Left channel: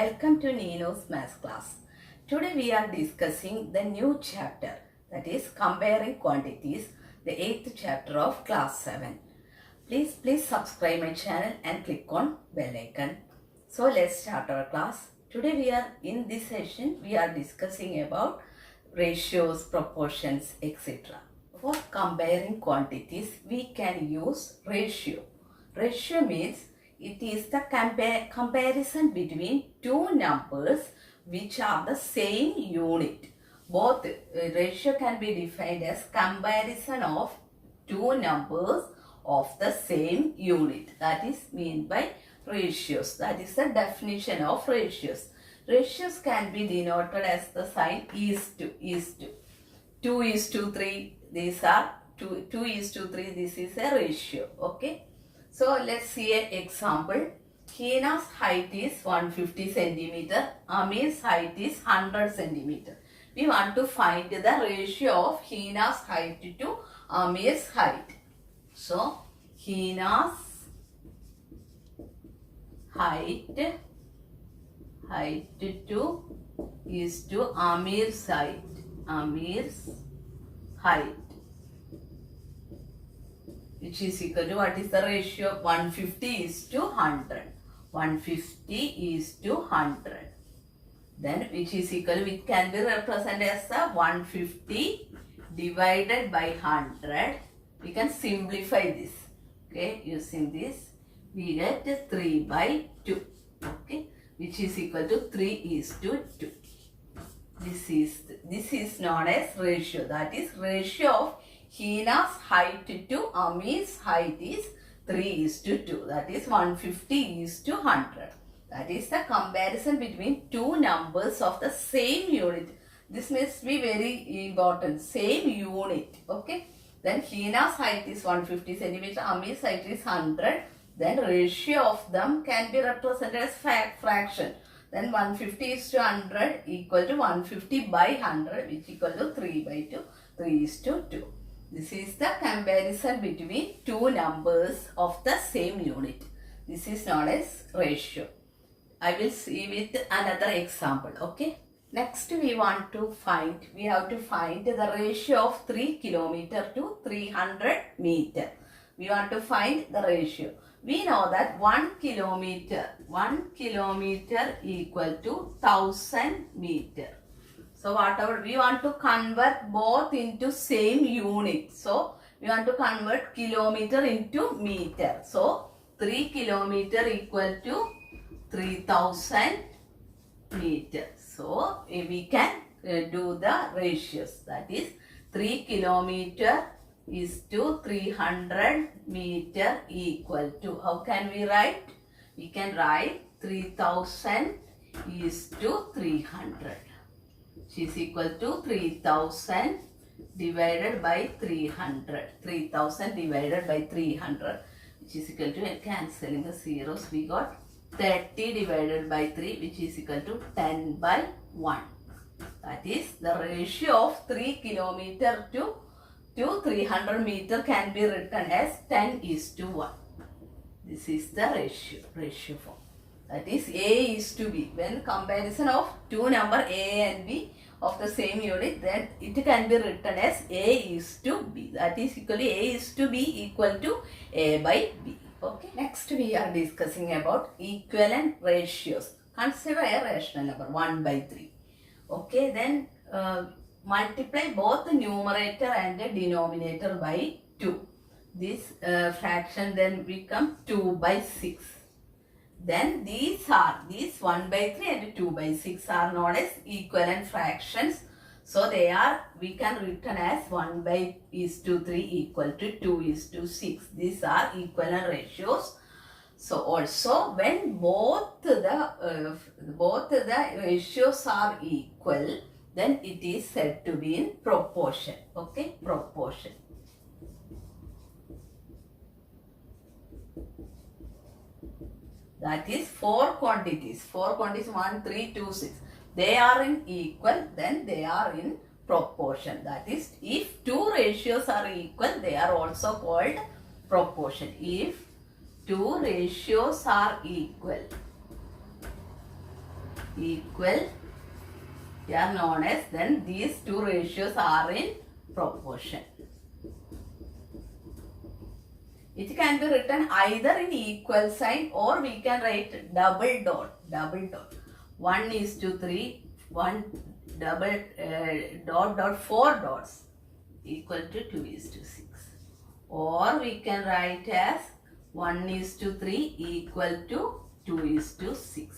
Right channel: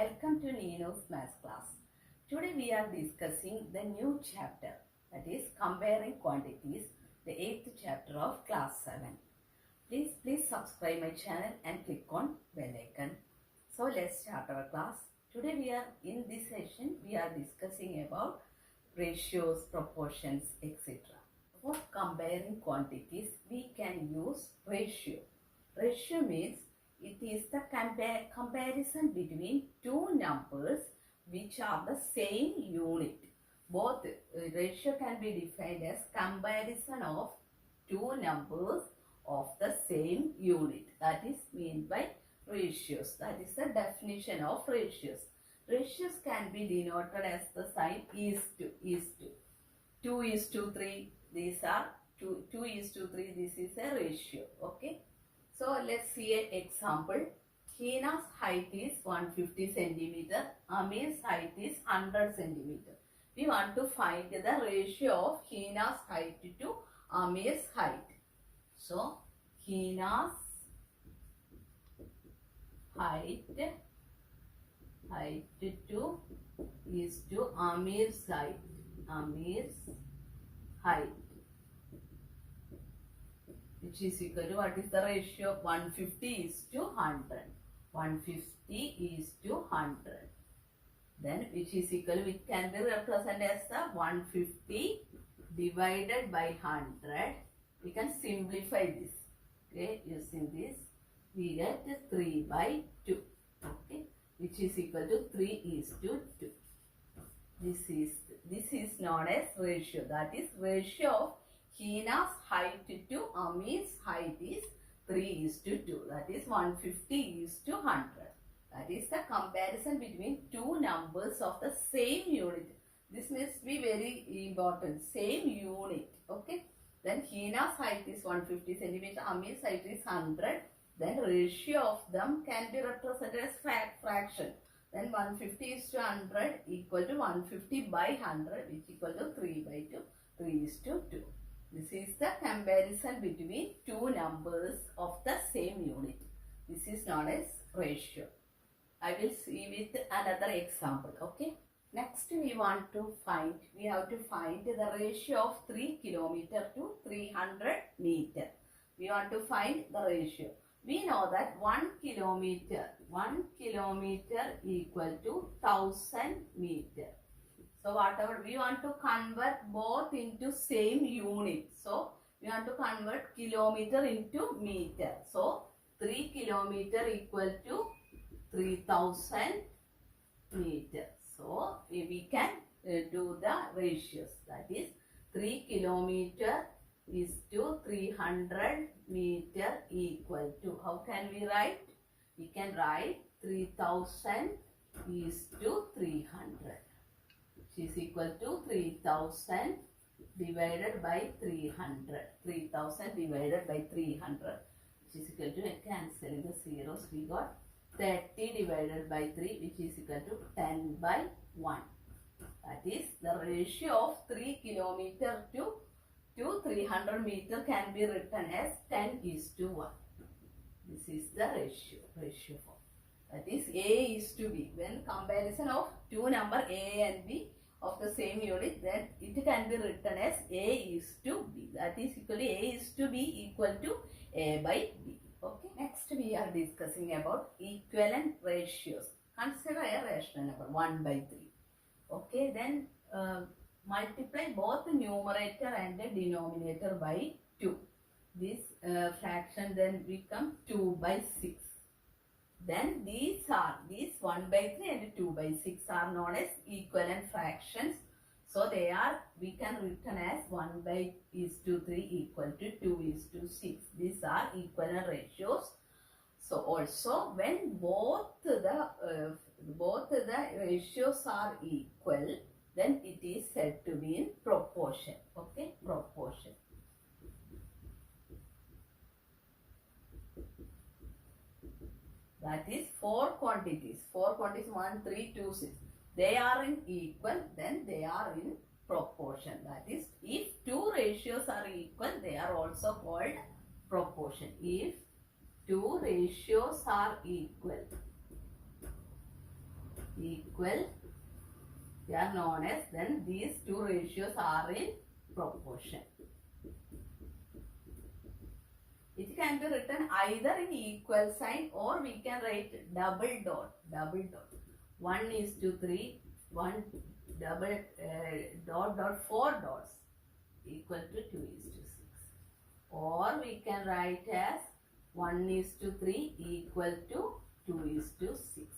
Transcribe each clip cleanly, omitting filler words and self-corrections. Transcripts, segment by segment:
Welcome to Nino's Math class. Today we are discussing the new chapter, that is comparing quantities, the 8th chapter of class 7. Please subscribe my channel and click on bell icon. So let's start our class. Today in this session we are discussing about ratios, proportions, etc. For comparing quantities we can use ratio. Ratio means it is the comparison between two numbers which are the same unit. Both ratio can be defined as comparison of two numbers of the same unit. That is meant by ratios. That is the definition of ratios. Ratios can be denoted as the sign is to. 2:3. These are 2:3. This is a ratio. Okay. So let's see an example. Hina's height is 150 centimeter. Amir's height is 100 centimeter. We want to find the ratio of Hina's height to Amir's height. So Hina's height to is to Amir's height. Amir's height, which is equal to, what is the ratio of 150 is to 100. 150 is to 100. Then which is equal, which can be represented as the 150 divided by 100. We can simplify this. Okay, using this we get 3 by 2. Okay, which is equal to 3 is to 2. This is known as ratio. That is ratio of Hina's height to Amir's height is 3 is to 2. That is 150 is to 100. That is the comparison between two numbers of the same unit. This must be very important. Same unit. Okay. Then Hina's height is 150 centimeter. Amir's height is 100. Then ratio of them can be represented as fraction. Then 150 is to 100 equal to 150 by 100, which equal to 3 by 2. 3 is to 2. This is the comparison between two numbers of the same unit. This is known as ratio. I will see with another example. Okay. Next we have to find the ratio of 3 kilometer to 300 meter. We want to find the ratio. We know that 1 kilometer equal to 1000 meter. So whatever we want to convert both into same unit. So we want to convert kilometer into meter. So 3 kilometer equal to 3000 meter. So we can do the ratios. That is 3 kilometer is to 300 meter equal to. How can we write? We can write 3000 is to 300. Which is equal to 3000 divided by 300. 3000 divided by 300, which is equal to, cancelling the zeros, we got 30 divided by 3, which is equal to 10 by 1. That is the ratio of 3 kilometer to 300 meter can be written as 10 is to 1. This is the ratio form. That is A is to B. When comparison of two number A and B of the same unit, then it can be written as A is to B. That is equally A is to B equal to A by B. Okay. Next we are discussing about equivalent ratios. Consider a rational number 1 by 3. Okay. Then multiply both the numerator and the denominator by 2. This fraction then become 2 by 6. Then these 1 by 3 and 2 by 6 are known as equivalent fractions. So we can written as 1 by is to 3 equal to 2 is to 6. These are equivalent ratios. So also when both the ratios are equal, then it is said to be in proportion. Okay, proportion. That is 4 quantities. 4 quantities 1, 3, 2, 6. They are in equal, then they are in proportion. That is, if two ratios are equal, they are also called proportion. If two ratios are equal, equal, they are known as, then these two ratios are in proportion. It can be written either in equal sign or we can write double dot. 1:3, 1 double dot 4 dots equal to 2:6. Or we can write as 1:3 equal to 2:6.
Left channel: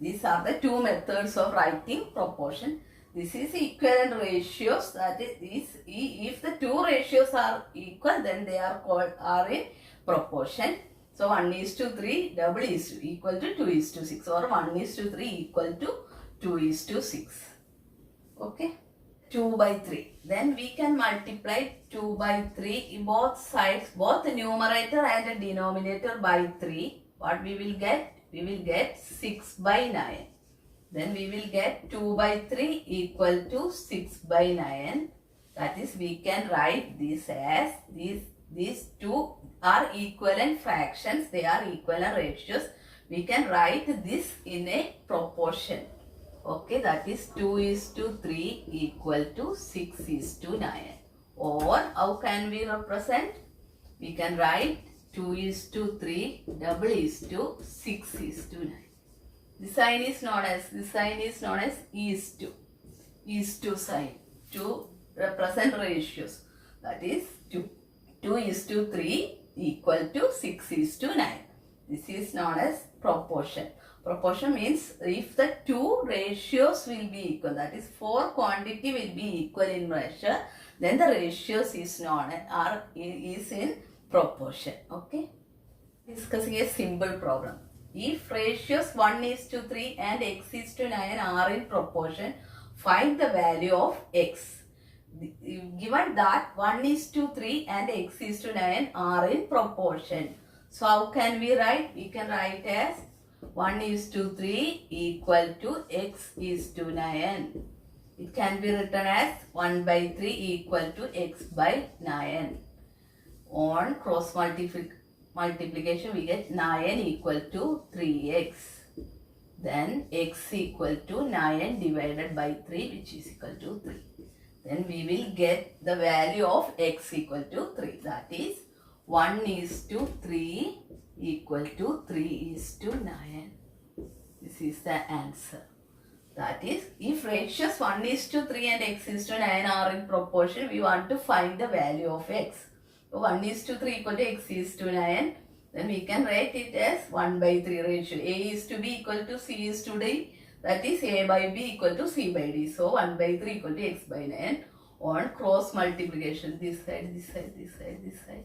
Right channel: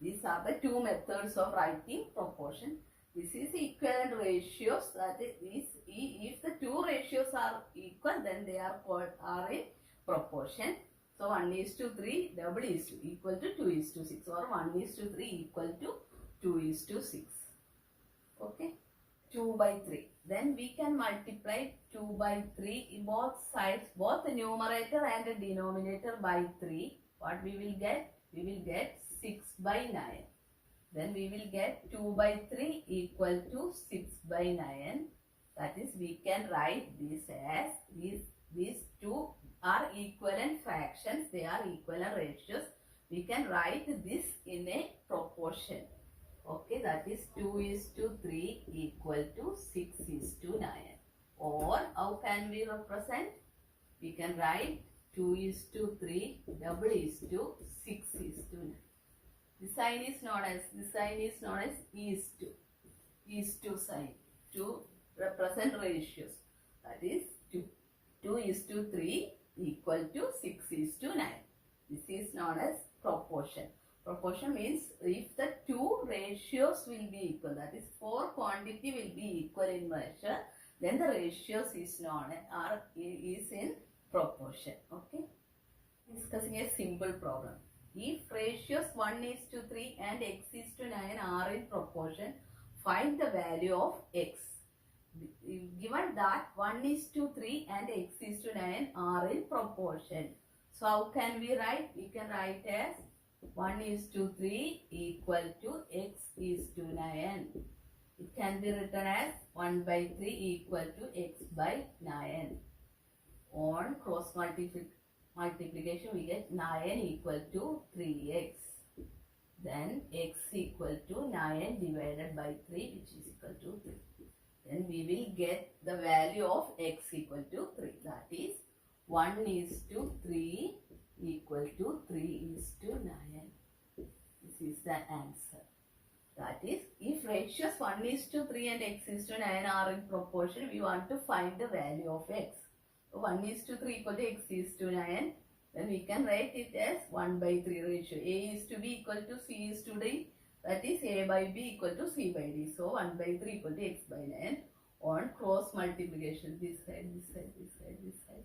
These are the two methods of writing proportion. This is equivalent ratios. That is, if the two ratios are equal, then they are in proportion. So 1:3 double is equal to 2:6, or 1:3 equal to 2:6. Okay. 2/3. Then we can multiply 2/3 in both sides, both the numerator and the denominator by 3. What we will get? We will get 6/9. Then we will get 2/3 equal to 6/9. That is, we can write this as, these two are equivalent fractions. They are equivalent ratios. We can write this in a proportion. Okay, that is 2:3 equal to 6:9. Or how can we represent? We can write 2:3 double is to 6:9. This sign is known as is to sign to represent ratios. That is 2:3 equal to 6:9. This is known as proportion. Proportion means if the two ratios will be equal, that is 4 quantity will be equal in ratio, then the ratios is in proportion. Okay. Discussing a simple problem. If ratios 1:3 and x:9 are in proportion, find the value of x. Given that 1:3 and x:9 are in proportion, so how can we write? We can write as 1:3 equal to x:9. It can be written as 1/3 equal to x/9. On cross multiplication, we get 9 equal to 3x. Then x equal to 9 divided by 3, which is equal to 3. Then we will get the value of x equal to 3. That is 1:3 equal to 3:9. This is the answer. That is, if ratios 1:3 and x:9 are in proportion, we want to find the value of x. So 1:3 equal to x:9, then we can write it as 1/3 ratio. A is to b equal to c is to d. That is, a by b equal to c by d. So 1/3 equal to x/9. On cross multiplication, this side, this side, this side, this side.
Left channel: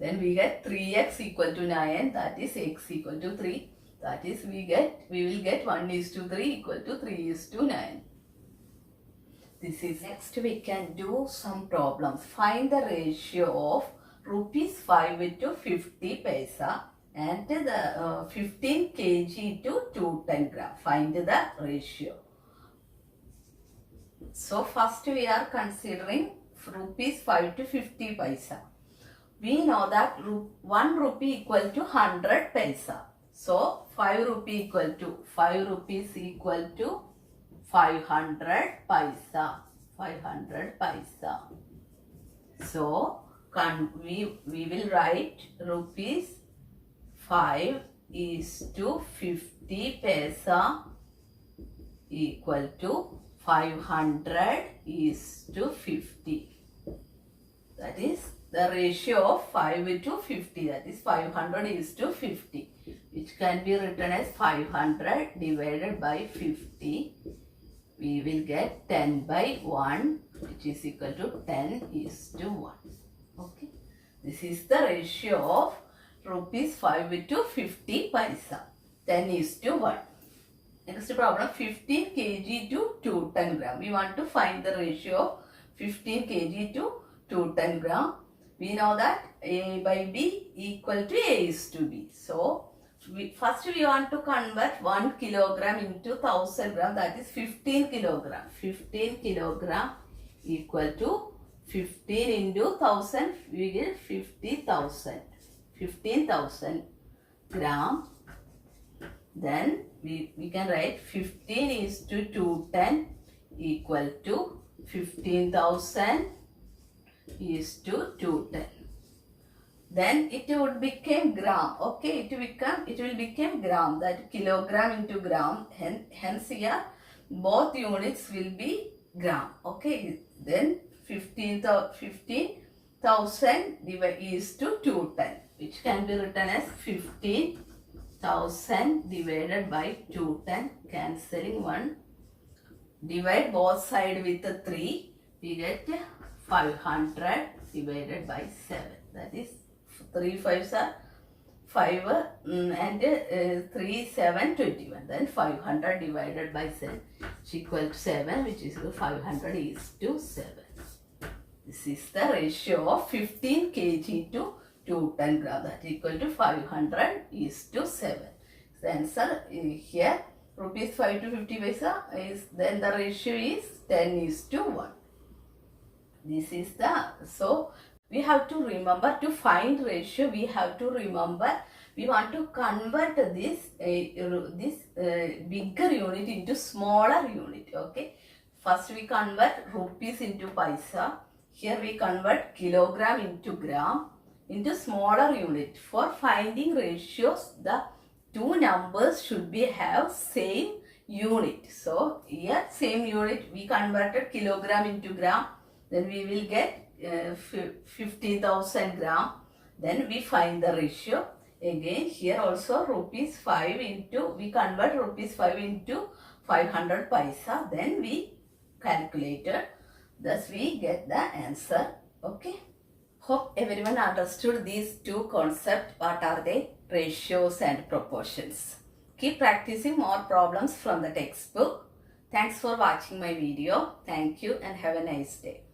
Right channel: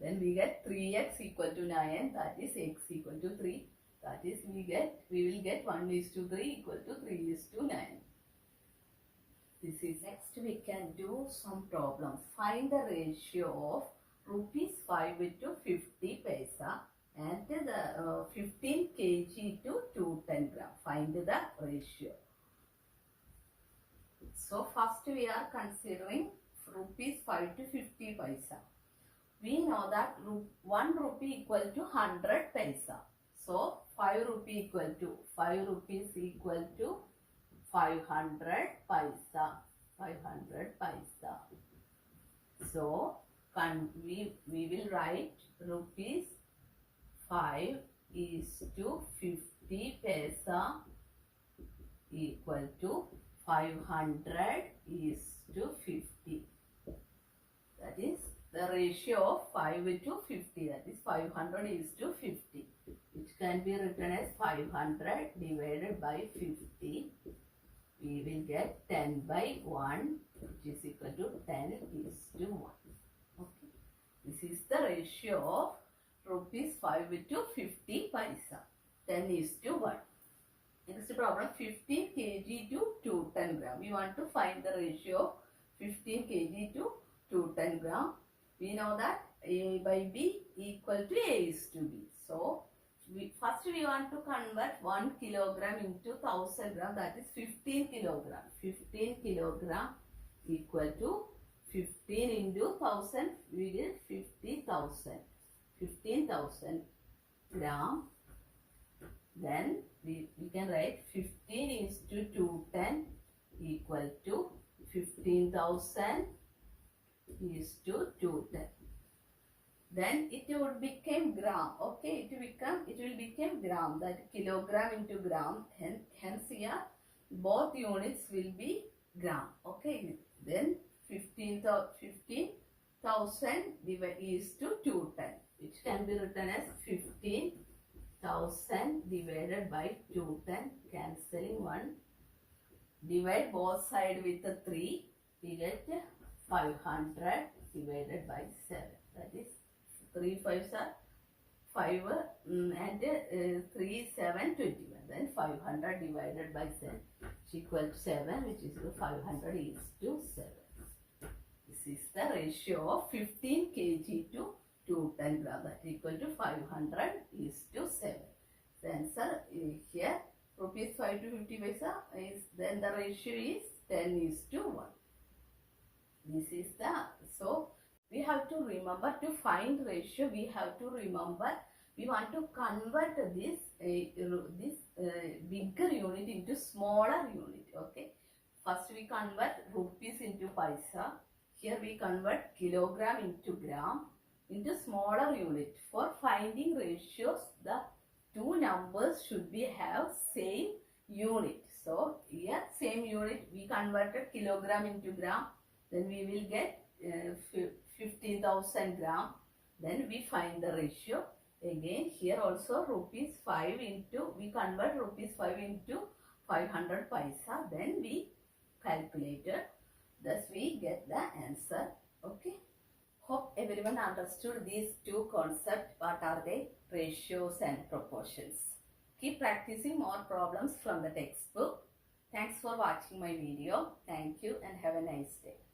Then we get 3x equal to 9. That is x equal to 3. That is, we will get 1:3 equal to 3:9. This is next. We can do some problems. Find the ratio of ₹5 to 50 paisa and the 15 kg to 210 gram. Find the ratio. So first we are considering ₹5 to 50 paisa. We know that 1 rupee equal to 100 paisa. So 5 rupee equal to 5 rupees equal to 500 paisa. 500 paisa. So we will write ₹5 is to 50 paisa equal to 500 is to 50. That is the ratio of 5 to 50. That is 500 is to 50, which can be written as 500 divided by 50. We will get 10/1, which is equal to 10:1. Okay. This is the ratio of ₹5 to 50 paisa. 10:1. Next problem, 15 kg to 210 gram. We want to find the ratio of 15 kg to 210 gram. We know that A by B equal to A is to B. So first we want to convert 1 kilogram into 1000 gram. That is 15 kilogram. 15 kilogram equal to 15 into 1000. We get 50,000. 15,000 gram Then we can write 15 is to 210 equal to 15,000 is to 210. Then it would become gram. Okay, it will become gram, that kilogram into gram. Hence here both units will be gram. Okay, then 15,000 is to 210, which can be written as 15,000 divided by 210. Cancelling 1. Divide both sides with 3. We get 500 divided by 7. That is 3 5s are 5 and 3 7 21. Then 500 divided by 7 is equal to 7, which is 500 is to 7. This is the ratio of 15 kg to 210 gram, that is equal to 500 is to 7. The answer here rupees 5 to 50 paisa is, then the ratio is 10 is to 1. This is the, so we have to remember to find ratio. We have to remember we want to convert this bigger unit into smaller unit. Okay, first we convert rupees into paisa. Here we convert kilogram into gram into smaller unit. For finding ratios, the two numbers should be have same unit. So here same unit, we converted kilogram into gram. Then we will get 15,000 gram. Then we find the ratio. Again here also rupees 5 into, we convert rupees 5 into 500 paisa. Then we calculated. Thus we get the answer. Okay. Hope everyone understood these two concepts. What are they? Ratios and proportions. Keep practicing more problems from the textbook. Thanks for watching my video. Thank you and have a nice day.